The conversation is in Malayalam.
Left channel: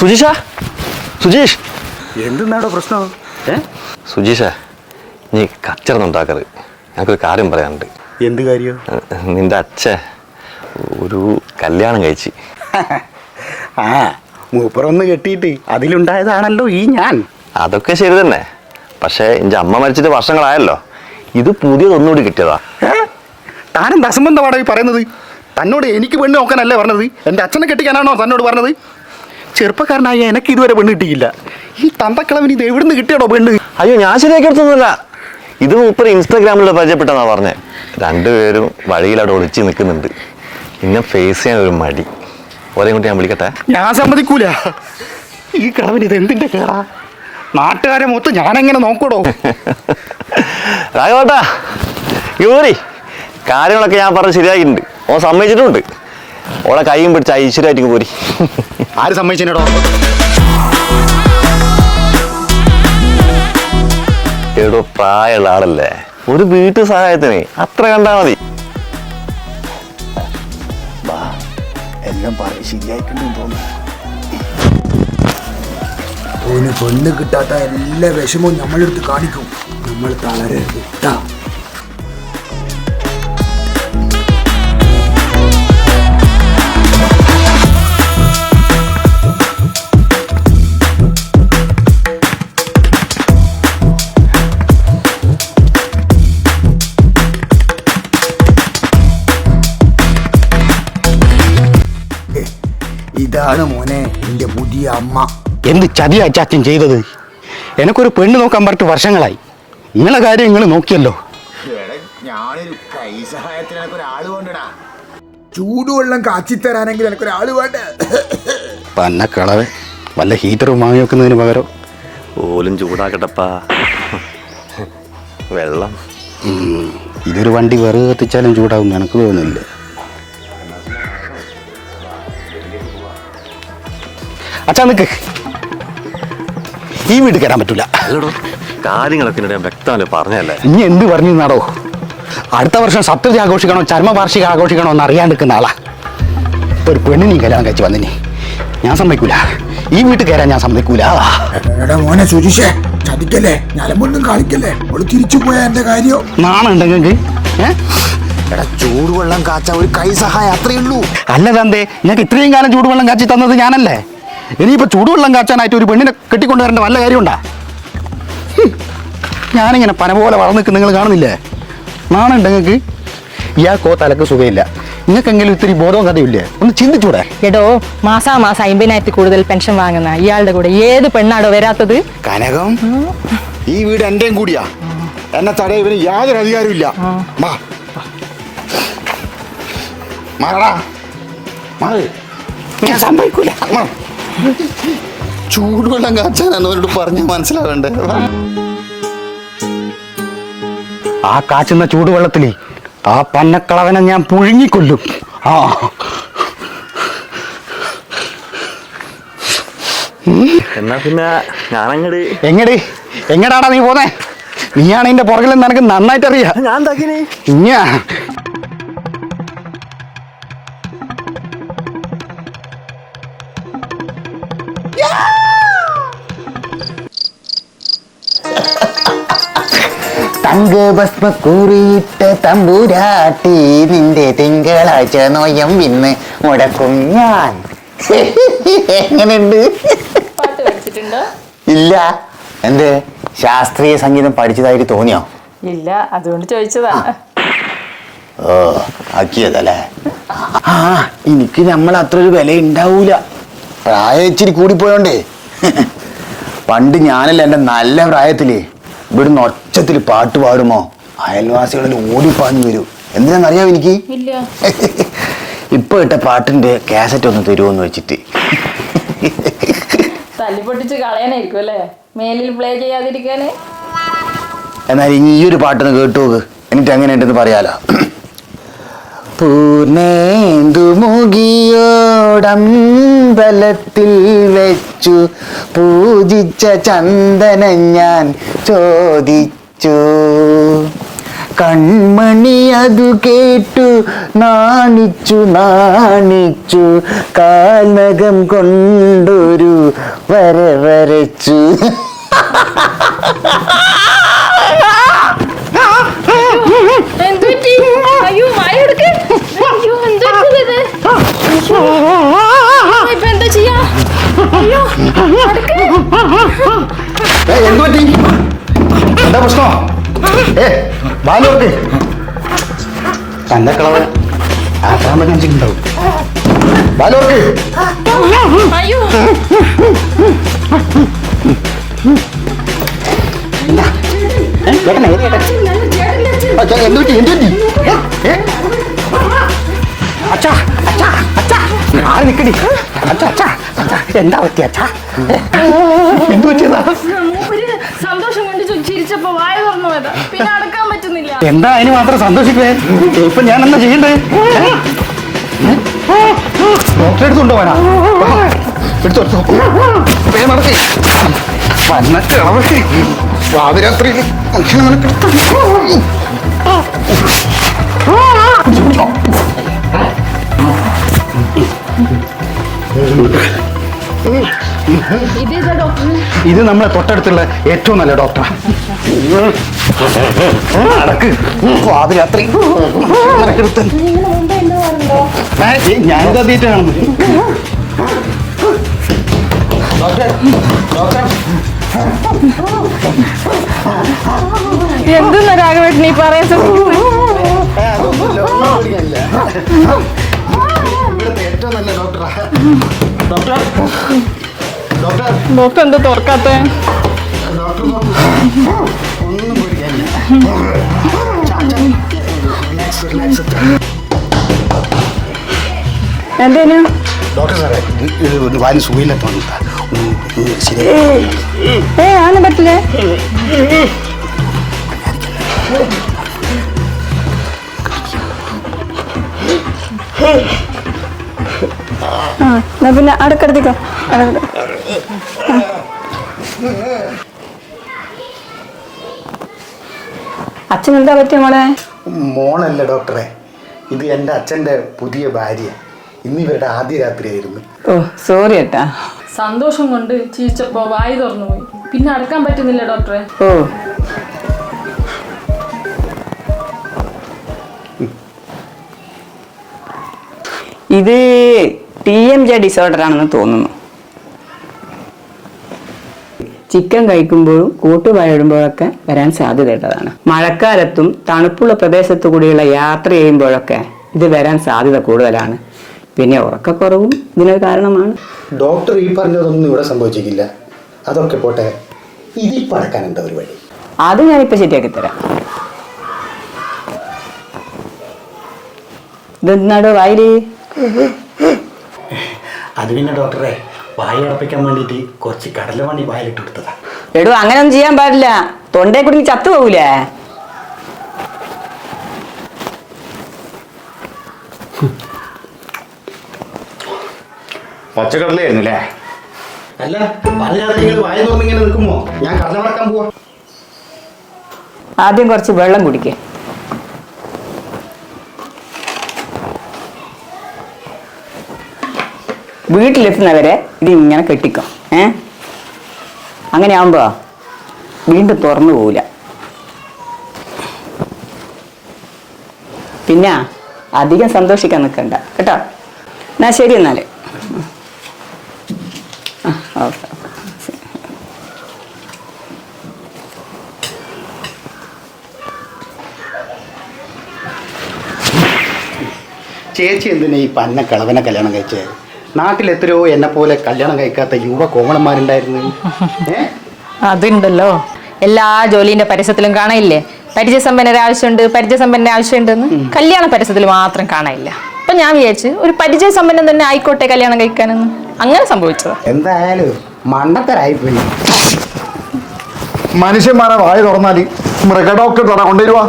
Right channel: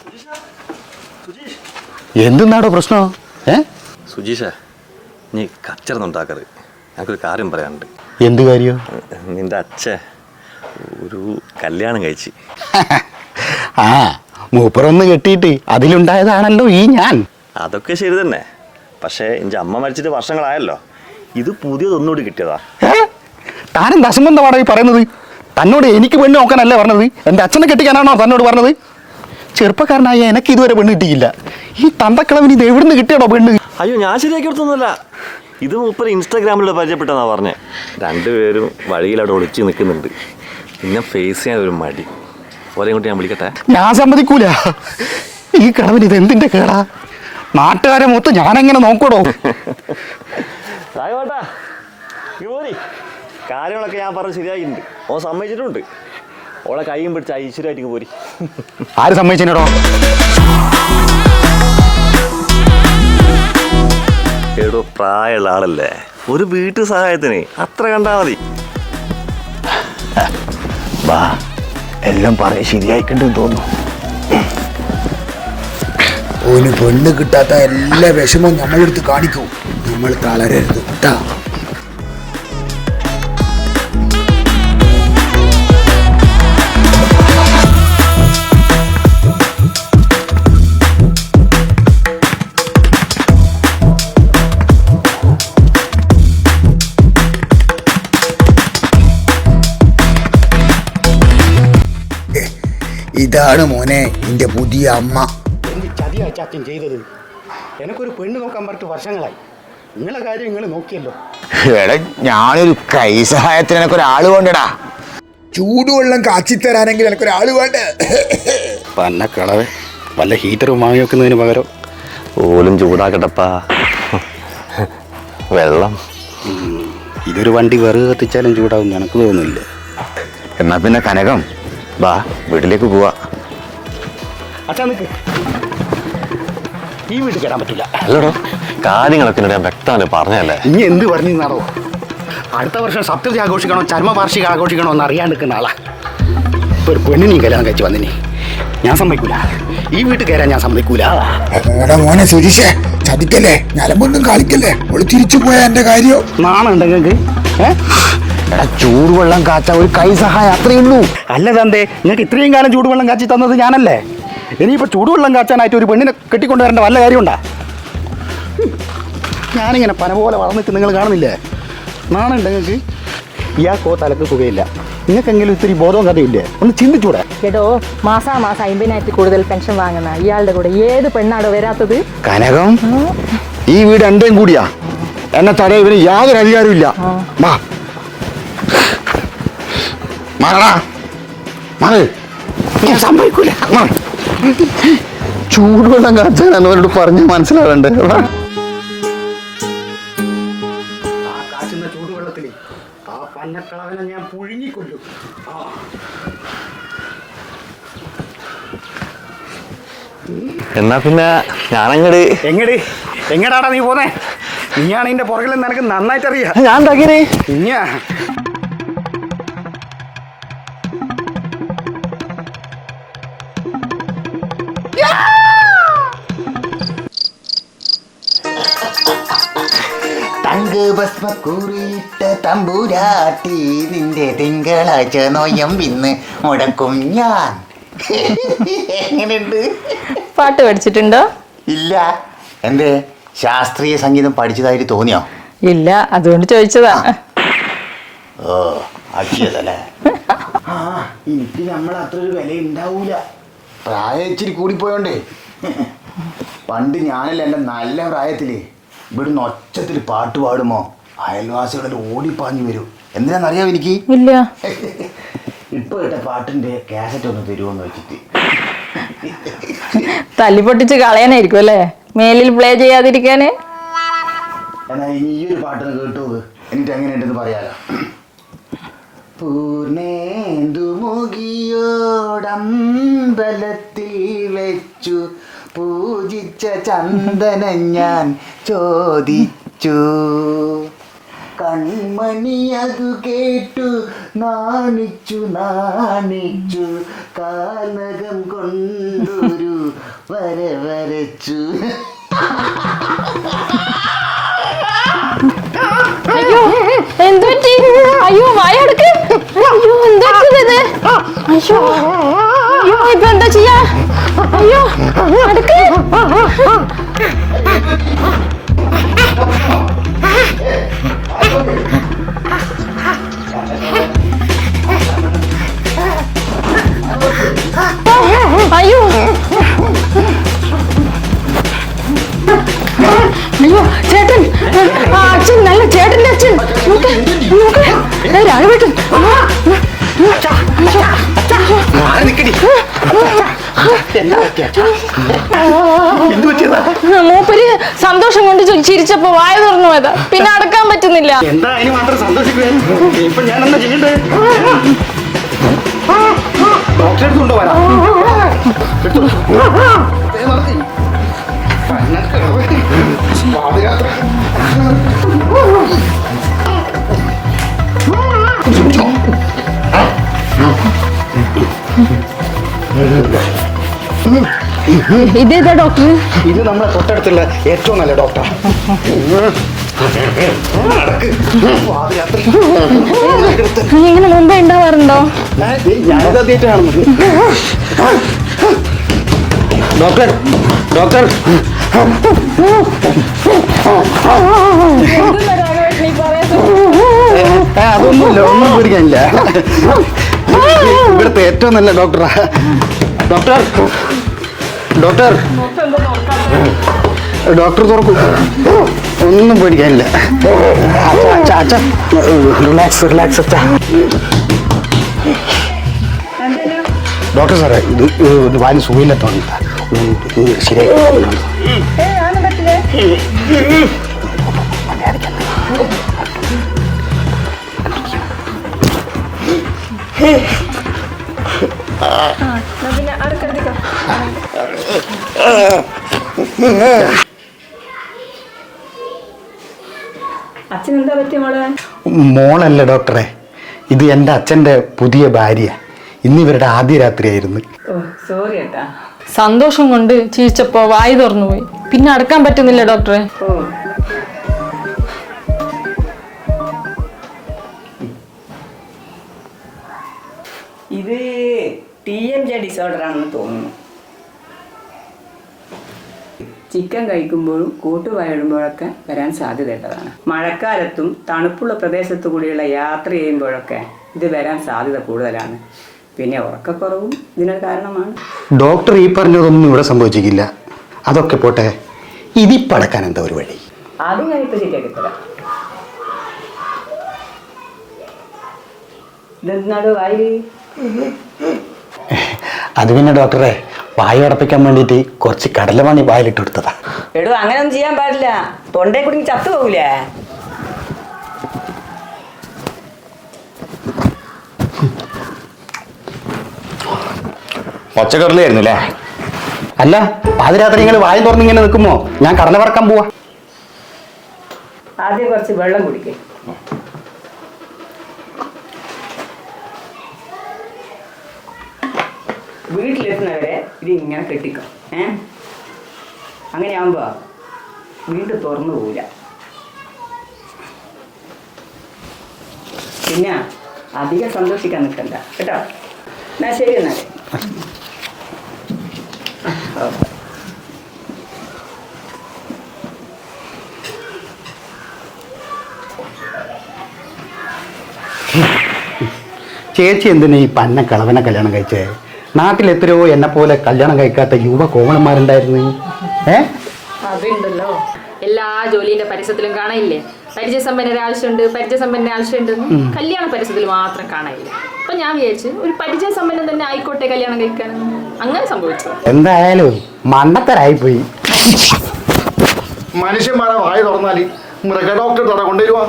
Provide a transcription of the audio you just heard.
സുജീഷ, സുജീഷ്, എന്തെന്നാടോ പ്രശ്നം? സുജീഷ, നീ കച്ചറന്നുണ്ടാക്കറ്. ഞങ്ങൾക്കൊരു കാര്യം പറയാനുണ്ട്. എന്ത് കാര്യം? നിന്റെ അച്ഛൻ ഒരു കല്യാണം കഴിച്ച്. ആ, മൂപ്പറൊന്ന് കെട്ടിയിട്ട് അതിലുണ്ടായതാണല്ലോ ഈ ഞാൻ. അതൊക്കെ ശരി തന്നെ. പക്ഷെ എന്റെ അമ്മ മരിച്ചിട്ട് വർഷങ്ങളായല്ലോ. ഇത് പുതിയതൊന്നുകൂടി കിട്ടിയതാ. താനെന്ത് അസംബന്ധമാണോ ഈ പറയുന്നത്? തന്നോട് എനിക്ക് പെണ്ണ് നോക്കാനല്ലേ പറഞ്ഞത്? എൻ്റെ അച്ഛനെ കെട്ടിക്കാനാണോ തന്നോട് പറഞ്ഞത്? ചെറുപ്പക്കാരനായ എനിക്ക് ഇതുവരെ പെണ്ണ് കിട്ടിയില്ല. ഈ തന്തക്കിളവന് ഇത് എവിടുന്ന് കിട്ടിയാണോ പെണ്ണ്? അയ്യോ, ഞാൻ ശരിയാക്കി എടുത്തൊന്നുമില്ല. ഇത് മൂപ്പർ ഇൻസ്റ്റാഗ്രാമിൽ പരിചയപ്പെട്ടെന്നാ പറഞ്ഞേ. രണ്ടുപേരും വഴിയിൽ അവിടെ ഒളിച്ച് നിൽക്കുന്നുണ്ട്. പിന്നെ ഫേസ് ചെയ്യാൻ ഒരു മടി. ഒരേ കുട്ടി ഞാൻ വിളിക്കട്ടെ? ഞാൻ സമ്മതിക്കൂല. ഈ കിളവൻ ഇത് എന്തിന്റെ കേടാ? നാട്ടുകാരെ മൊത്തം ഞാനെങ്ങനെ നോക്കണോ? രാഘവട്ടാ, യൂറി കാര്യങ്ങളൊക്കെ ഞാൻ പറഞ്ഞ് ശരിയാക്കിയിട്ടുണ്ട്. ഓൻ സമ്മതിച്ചിട്ടുണ്ട്. ഓളെ കൈയും പിടിച്ച് ഐശ്വര്യമായിട്ട് പോരി. ആര് സമ്മതിച്ചോ? എടോ, പ്രായമുള്ള ആളല്ലേ, ഒരു വീട്ടു സഹായത്തിന് അത്ര കണ്ടാ മതി. വാ, എല്ലാം പറയാൻ ശരിയായിക്കണ്ടെന്ന് തോന്നുന്നു. ഓന് പെണ്ണ് കിട്ടാത്ത എല്ലാ വിഷമവും നമ്മളെടുത്ത് കാണിക്കും. നമ്മൾ തളരരുത് കേട്ടാ. ഇതാണ് മോനെ എൻ്റെ പുതിയ അമ്മ. എന്ത് ചതിയാ ചാച്ചൻ ചെയ്തത്? എനിക്കൊരു പെണ്ണ് നോക്കാൻ പറഞ്ഞിട്ട് വർഷങ്ങളായി. നിങ്ങളെ കാര്യം നിങ്ങൾ നോക്കിയല്ലോ. എടാ, ഞാനൊരു കൈ സഹായത്തിന് എനിക്കൊരാൾ വേണ്ടടാ. ചൂടുവെള്ളം കാച്ചിത്തരാനെങ്കിൽ എനിക്കൊരാൾ വേണ്ട. പന്നക്കളവൻ വല്ല ഹീറ്ററും വാങ്ങി വെക്കുന്നതിന് പകരം ഓലും ചൂടാക്കട്ടപ്പാ. വെള്ളം ഇതൊരു വണ്ടി വെറുതെ കത്തിച്ചാലും ചൂടാവും, എനിക്ക് തോന്നുന്നില്ല. എന്നാ പിന്നെ കനകം വാ, വീട്ടിലേക്ക് പോവാ. അച്ഛാ നിക്ക്, ഈ വീട്ടിൽ കയറാൻ പറ്റൂല. അല്ലടോ, കാര്യങ്ങളൊക്കെ ഞാൻ വ്യക്തമായി പറഞ്ഞല്ലേ. ഇനി എന്ത് പറഞ്ഞാടോ? അടുത്ത വർഷം സപ്തതി ആഘോഷിക്കണോ ചരമവാർഷിക ആഘോഷിക്കണോ എന്ന് അറിയാണ്ടിരിക്കുന്ന ആളാ. ഒരു പെണ്ണിനെ കല്യാണം കഴിച്ച് വന്നിനി ഞാൻ സമ്മതിക്കൂല. ഈ വീട്ടിൽ കയറാൻ ഞാൻ സമ്മതിക്കൂല. എടാ മോനെ സുരേഷേ, ചതിക്കല്ലേ, ഞലമ്പൊന്നും കളിക്കല്ലേ. ഓള് തിരിച്ചു പോയാ എന്റെ കാര്യം നാണുണ്ടെങ്കിൽ എടാ, ചൂടുവെള്ളം കാച്ച ഒരു കൈ സഹായം അത്രയേ ഉള്ളൂ. അല്ല ചന്തേ, ഞങ്ങൾക്ക് ഇത്രയും കാലം ചൂടുവെള്ളം കാച്ചി തന്നത് ഞാനല്ലേ. ഇനിയിപ്പോ ചൂടുവെള്ളം കാച്ചാനായിട്ട് ഒരു പെണ്ണിനെ കെട്ടിക്കൊണ്ടുവരേണ്ട വല്ല കാര്യമുണ്ടാ? ഞാനിങ്ങനെ പന പോലെ വളർന്നു നിൽക്കുന്ന നിങ്ങൾ കാണുന്നില്ലേ? നാണുണ്ട് നിങ്ങൾക്ക്? ഇയാൾക്കോ തലക്ക് സുഖമില്ല. നിങ്ങൾക്കെങ്കിലും ഇത്തിരി ബോധവും കഥയില്ലേ? ഒന്ന് ചിന്തിച്ചൂടെ? എടോ, മാസാമാസം 50,000 കൂടുതൽ പെൻഷൻ വാങ്ങുന്ന ഇയാളുടെ കൂടെ ഏത് പെണ്ണാടോ വരാത്തത്? കനകം, ഈ വീട് എന്റെയും കൂടിയാ. എന്നെ തടയാൻ ഇവന് യാതൊരു അധികാരവും ഇല്ല. ഞാൻ സമ്മതിക്കൂല. ചൂടുവെള്ളം കാച്ചാനാണ് അവരോട് പറഞ്ഞ് മനസ്സിലാവേണ്ടേ? ആ കാച്ചുന്ന ചൂടുവെള്ളത്തില് ആ പന്നക്കളവനെ ഞാൻ പുഴുങ്ങിക്കൊല്ലും. എന്നാ പിന്നെ ഞാനങ്ങട് എങ്ങടാടാ നീ പോന്നേ? നീയാണ് ഇതിന്റെ പുറകിലെന്ന് എനിക്ക് നന്നായിട്ട് അറിയാം. ഞാൻ തകരേ ഇഞ്ഞാ തങ്കഭസ്മക്കുറിയിട്ട് തമ്പുരാട്ടി നിന്റെ തിങ്കളാഴ്ച നോയം ഇന്ന് മുടക്കും ഞാൻ. എങ്ങനെയുണ്ട്? പാട്ട് പഠിച്ചിട്ടുണ്ടോ? ഇല്ല. എന്ത് ശാസ്ത്രീയ സംഗീതം പഠിച്ചതായിട്ട് തോന്നിയോ? ഇല്ല, അതുകൊണ്ട് ചോദിച്ചതാ. ഓ, ആക്കിയതല്ലേ. എനിക്ക് നമ്മൾ അത്ര ഒരു വില ഉണ്ടാവൂല. പ്രായം ഇച്ചിരി കൂടിപ്പോയോണ്ടേ. പണ്ട് ഞാനല്ല എൻ്റെ നല്ല പ്രായത്തില് ഇവിടുന്ന് ഒച്ചത്തിൽ പാട്ട് പാടുമോ അയൽവാസികളിൽ ഓടിപ്പാഞ്ഞു വരും. എന്തിനാണെന്നറിയാം എനിക്ക്? ഇല്ല. ഇപ്പൊ ഇട്ട പാട്ടിന്റെ കാസറ്റ് ഒന്ന് തരുമോന്ന് വെച്ചിട്ട്. തല്ലി പൊട്ടിച്ച് കളയാനായിരിക്കും അല്ലേ, മേലിൽ പ്ലേ ചെയ്യാതിരിക്കാന്. എന്നാൽ ഈ ഒരു പാട്ടൊന്ന് കേട്ടു നോക്ക്, എന്നിട്ട് എങ്ങനെയുണ്ടെന്ന് പറയാലോ. പൂനേന്തുമുകിയോടമ്പലത്തിൽ വെച്ചു പൂജിച്ച ചന്ദനം ഞാൻ ചോദിച്ചു, കൺമണി അതു കേട്ടു നാണിച്ചു നാണിച്ചു കാൽനകം കൊണ്ടൊരു വര വരച്ചു. എന്തുപറ്റി? അയ്യോ വായെടുക്ക്. അയ്യോ എന്തെടുക്കുന്നത്? അയ്യോ അയ്യോ ഇപ്പൊ എന്താ ചെയ്യാ? അയ്യോ എടുക്ക്. എന്താ പ്രശ്നം? അയ്യോ അയ്യോ ചേട്ടൻ. ആ, അച്ഛൻ നല്ല ചേട്ടൻ്റെ അച്ഛൻ. രാഘവേട്ടൻ. മൂപ്പര് സന്തോഷം കൊണ്ട് ചിരിച്ചപ്പോ വായ തുറന്നു പോയതാ. പിന്നെ അടക്കാൻ പറ്റുന്നില്ല. എന്താ അതിന് മാത്രം സന്തോഷിച്ചേ? ഇപ്പൊ ഞാൻ എന്താ ചെയ്യണ്ടേ? ഡോക്ടറെ എടുത്തുണ്ടോ വരാ? പാതിരാത്രി ഇതേതാ ഡോക്ടർ? ഇത് നമ്മളെ തൊട്ടടുത്തുള്ള ഏറ്റവും നല്ല ഡോക്ടറാണ്. പാതിരാത്രി നീ ഇങ്ങനെ മുമ്പേ ഉണ്ടാവാറുണ്ടോ? ഡോക്ടർ ഡോക്ടർ എന്തെന്നാ രാഘവേട്ടൻ ഈ പറയാൻ പേടിക്കാനില്ല. ഇവിടുത്തെ ഏറ്റവും നല്ല ഡോക്ടറാ. ഡോക്ടർ ഡോക്ടർ ഡോക്ടർ എന്താ തുറക്കാത്ത? ഡോക്ടർ തുറപ്പ്. ഒന്നും പേടിക്കാനില്ല. Relax relax. എന്തേനു? ഡോക്ടർ സാറേ ഇത് വായന സുഖമില്ലാത്ത ശരിയായി. ആന പറ്റില്ലേ? പിന്നെ അടക്കടത്തേക്കോ. അച്ഛൻ എന്താ പറ്റിയ മോളെ? മോളല്ല ഡോക്ടറെ, ഇത് എൻ്റെ അച്ഛൻ്റെ പുതിയ ഭാര്യ. ഇന്നിവരുടെ ആദ്യ രാത്രിയായിരുന്നു. ഓ സോറി ഏട്ടാ. സന്തോഷം കൊണ്ട് ചിരിച്ചപ്പോ വായി തുറന്നു പോയി. പിന്നെ അടക്കാൻ പറ്റുന്നില്ല ഡോക്ടറെ. ഓ ഇത് TMJ ഡിസോർഡർ ആണെന്ന് തോന്നുന്നു. ചിക്കൻ കഴിക്കുമ്പോഴും കൂട്ടുവായിടുമ്പോഴൊക്കെ വരാൻ സാധ്യതയുള്ളതാണ്. മഴക്കാലത്തും തണുപ്പുള്ള പ്രദേശത്തു കൂടിയുള്ള യാത്ര ചെയ്യുമ്പോഴൊക്കെ ഇത് വരാൻ സാധ്യത കൂടുതലാണ്. പിന്നെ ഉറക്കക്കുറവും ഇതിനൊരു കാരണമാണ്. ഡോക്ടർ ഈ പറഞ്ഞതൊന്നും ഇവിടെ സംഭവിച്ചിട്ടില്ല. അതൊക്കെ പോട്ടെ, ഇതിപ്പടക്കാൻ എന്താ ഒരു വഴി? അത് ഞാനിപ്പോൾ ശരിയാക്കി തരാം. ഇതെന്നാടോ വായില്? അത് പിന്നെ ഡോക്ടറെ, വായു അടപ്പിക്കാൻ വേണ്ടിയിട്ട് കുറച്ച് കടലമണി വായിലിട്ട് കൊടുത്തതാ. എടോ അങ്ങനൊന്നും ചെയ്യാൻ പാടില്ല. തൊണ്ടയെ കുടുങ്ങി ചത്തു പോകൂലേ? പച്ചക്കറിലായിരുന്നു അല്ലേ? അല്ല, പാതിരാത്രി നിങ്ങൾ വായു തുറന്നിങ്ങനെ നിൽക്കുമോ? ഞാൻ കടല വറക്കാൻ പോവാ. ആദ്യം കുറച്ച് വെള്ളം കുടിക്കേ. വീട്ടിലെത്തുന്നവരെ ഇത് ഇങ്ങനെ കെട്ടിക്കോ. അങ്ങനെ ആവുമ്പോ വീണ്ടും തുറന്നു പോവില്ല. പിന്നെ അധികം സന്തോഷിക്കാൻ നിൽക്കണ്ട കേട്ടോ. എന്നാ ശരി എന്നാല്. ചേച്ചി എന്തിനാ ഈ പന്ന കളവനെ കല്യാണം കഴിച്ചേ? നാട്ടിൽ എത്രയോ എന്നെ പോലെ കല്യാണം കഴിക്കാത്ത യുവ കോമളന്മാരുണ്ടായിരുന്നു. അതുണ്ടല്ലോ, എല്ലാ ജോലിന്റെ പരസ്യത്തിലും കാണാനില്ലേ പരിചയസമ്പന്നരുടെ ആവശ്യമുണ്ട്, പരിചയസമ്പന്നന്റെ ആവശ്യമുണ്ടെന്ന്. കല്യാണ പരസ്യത്തിൽ മാത്രം കാണാനില്ല. അപ്പൊ ഞാൻ വിചാരിച്ചു ഒരു പരിചയസമ്പന്നം തന്നെ ആയിക്കോട്ടെ കല്യാണം കഴിക്കാനെന്ന്. അങ്ങനെ സംഭവിച്ചത്. എന്തായാലും മണ്ടത്തരായിപ്പോയി. മനുഷ്യന്മാരെ വായ തുറന്നാല് മൃഗഡോക്ടർ കൊണ്ടുവരുവാ.